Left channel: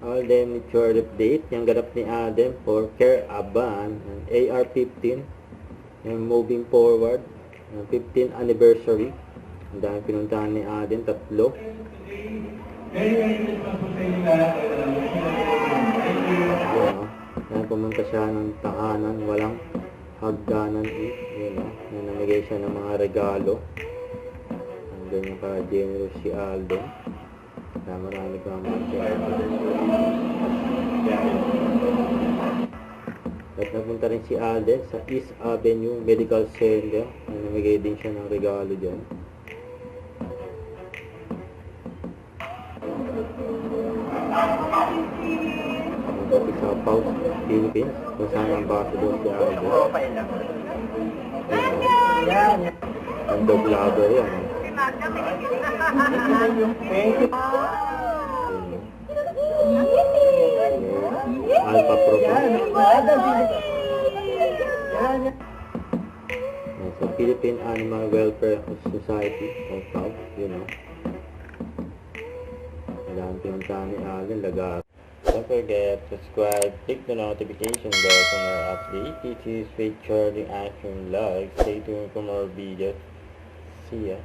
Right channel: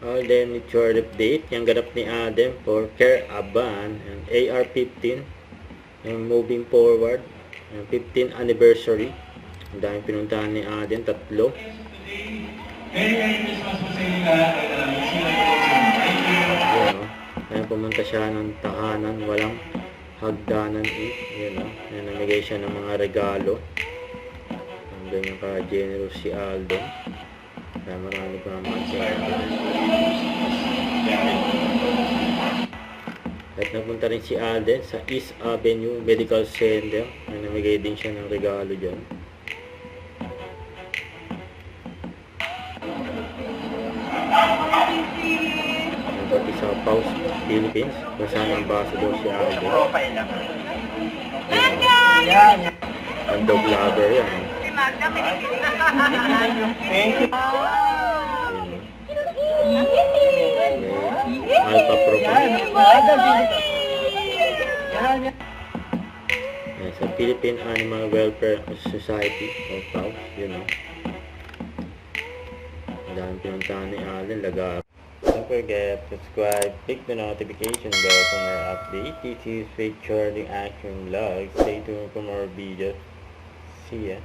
Alden Ritual update. Yung ganap ni Alden for Caravan and AR-15. Yung moving forward. Yung 15th anniversary. Ang daming pinuntahan ni Alden, 3. Merry Christmas po sa inyo lahat. Thank you. Ngayon pumunta siya ng tahanan, walang hagdanan yun o. Yan, namigay siya ng mga regalo. Hanggang yung ka-generous si Alden. Kaya marami pa naman si Alden. At napunta rin si Alden sa East Avenue Medical Center. Namigay din siya ng regalo dyan. Pati sa Paus, Philippines, kung saan ang ambassador si Alden. Ang dog lover yan. Alpha Program. Sa Philippine Animal Welfare Society of Paus, yun o. Dahil pinuntahan ni Alden, lagar. Don't forget to subscribe, click the notification bell for more updates. This is Faith Charlie Action Vlog. Stay tuned for more videos. See ya.